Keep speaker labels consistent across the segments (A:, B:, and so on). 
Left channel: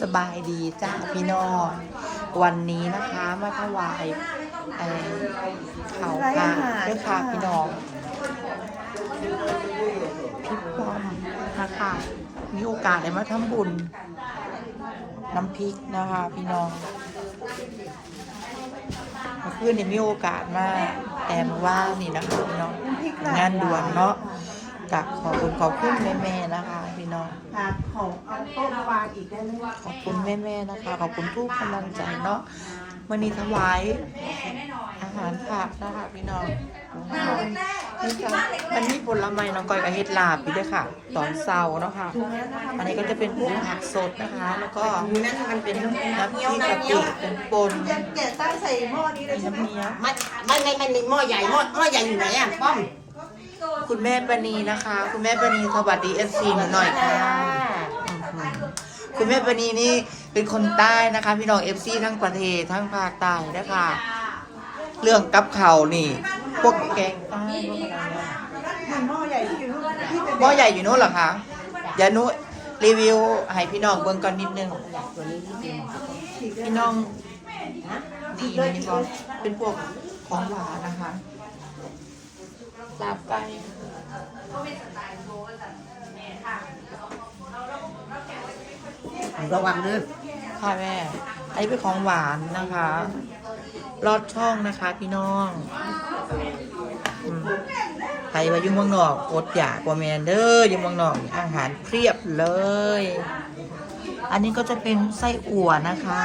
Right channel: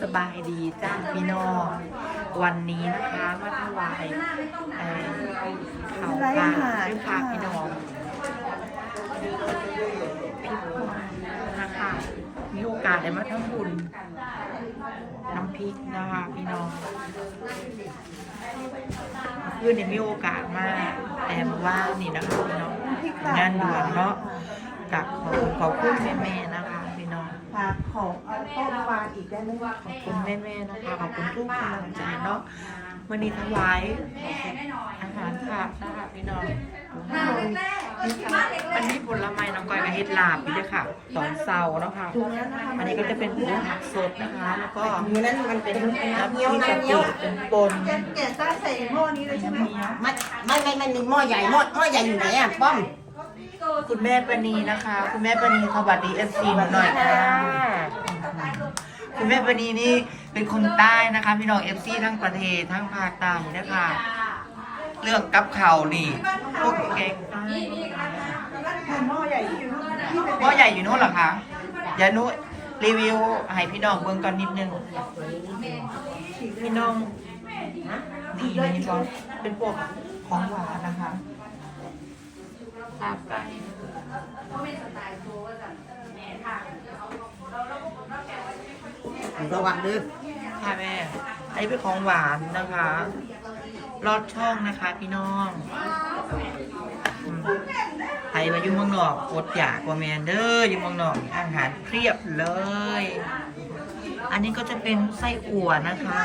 A: สบายดีจ้าพี่น้องวันนี้นะคะมาถวายเอ่อข่าวปลาด้วยค่ะพี่น้องพี่ปอมนะคะมีโอกาสได้มาทำบุญ น้ำพริกนะคะ พี่น้องเมื่อคืนนี้มีโอกาสมาแต่เมื่อว่างนี่นะคะพี่น้องงานด่วนเนาะ กับขอบคุณขอบคุณแม่ๆนะคะ พี่น้อง
B: ค่ะขอเอาโต๊ะมาวางอีกได้ไหม
A: ขอบคุณแม่ๆนะคะ ขอบคุณทุกกำลังใจเนาะวันนี้ถวายอาหารผักนะคะพี่น้องนี่ค่ะวันนี้บุญละไมน้องก้อยกับเฮ็ดลาบอยู่ด้วยค่ะ ตอนเช้าเนาะค่ะ
B: ถุงแล้วนะคะ
A: อันนี้ก็จะเป็นพวกผักสดนะคะ แล้วก็
B: ถุงนั้นมันเป็นน้ำ
A: น้ำพริกกะปิเป็นปน
B: แกะแกะตั้งใส่หม้อนี้เลย
A: มี
B: ใช่ไหม
A: น้ำเนี้ย
C: ไม่ไม่ไม่ไม่มีหม้อใหญ่หม้อหม้อใหญ่อยู่ไหนอะป้อม
A: คุณแม่ปณีนะคะ คุณแม่ปณีสวัสดีเอฟซีหนูหน่อยค่ะคุณแม่ปณีนี่เป็นคนใต้นะคะ พี่น้องเอฟซีทั้งประเทศทั้งภาคใต้นะคะเรื่องกับเข่าวนี่ พวกแกงใต้
B: หม้อใหญ่ที่อยู่นู่นที่เป็น
A: หม้อใหญ่อยู่โน้นเหรอคะเดี๋ยวหนุรีวิวให้พี่น้องเบิ่งกันนิดนึงพี่น้องนี่นี่ก่อนเป็นพวกของหวานนะคะ ลาบไก่
C: ระวังมือ
A: ค่ะแม่อันนี้เป็นของหวานนะคะลอดช่องนะคะพี่น้องอืมใครมายู่เมืองนอกอดอยากกว่าแมนเด้อยู่เมืองนอกอาหารเพียบเลย อันนี้ก็จะเป็นไส้อั่วนะคะ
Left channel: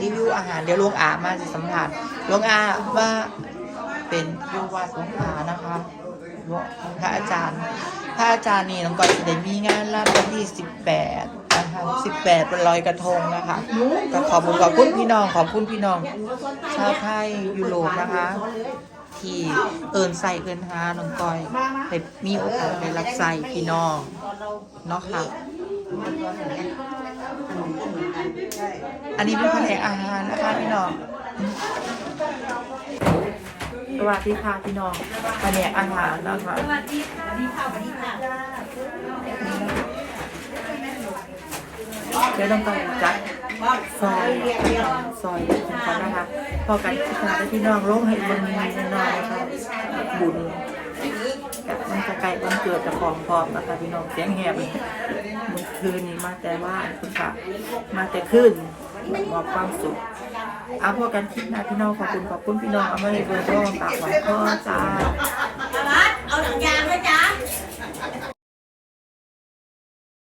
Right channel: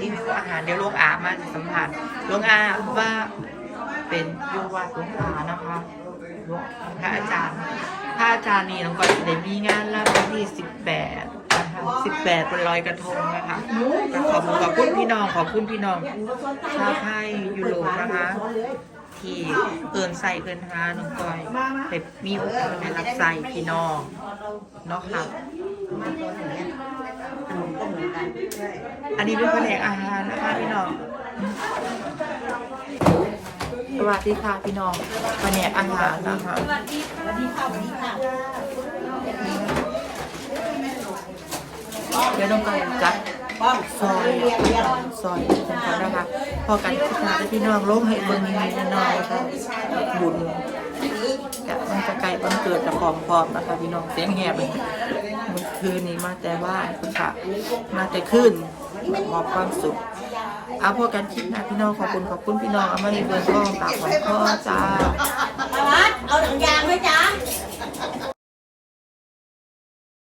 A: รีวิวอาหารเดี๋ยวลูกอามาจะสัมผัสลูกอาว่า เป็นอยูวัดหลวงอานะคะพระอาจารย์ พระอาจารย์นี่น้องก้อยได้มีงานรับวันที่สิบแปดนะคะสิบแปดเป็นลอยกระทงนะคะก็ขอบคุณขอบคุณพี่น้องขอบคุณพี่น้องชาวไทยยุโรปนะคะที่เอินใส่เอินหาน้องก้อยเป็นมีโอกาสได้รับใส่พี่น้องเนาะค่ะอันนี้เป็นแผนกอาหารนะคะพี่น้อง สวัสดีค่ะพี่น้องแผนกอาหารนะคะเดี๋ยวต้องการจัดซอยซอยเป็นคนนะคะพอกันพิจารณาพี่น้องลงให้เบิ่งนิดหน่อยค่ะบุญจะมันจะไก่วันเกิดจะของพร้อมนะคะพี่น้องเสียงแหบเลยเมื่อคืนนี้มาแต่ว่านคุณค่ะมาแต่ขึ้นมอบความสุข เอาพวกกันคิดนะพี่น้องขอบคุณขอบคุณพี่น้องเอามาให้เบอร์ก็ตากของพ่อจ้า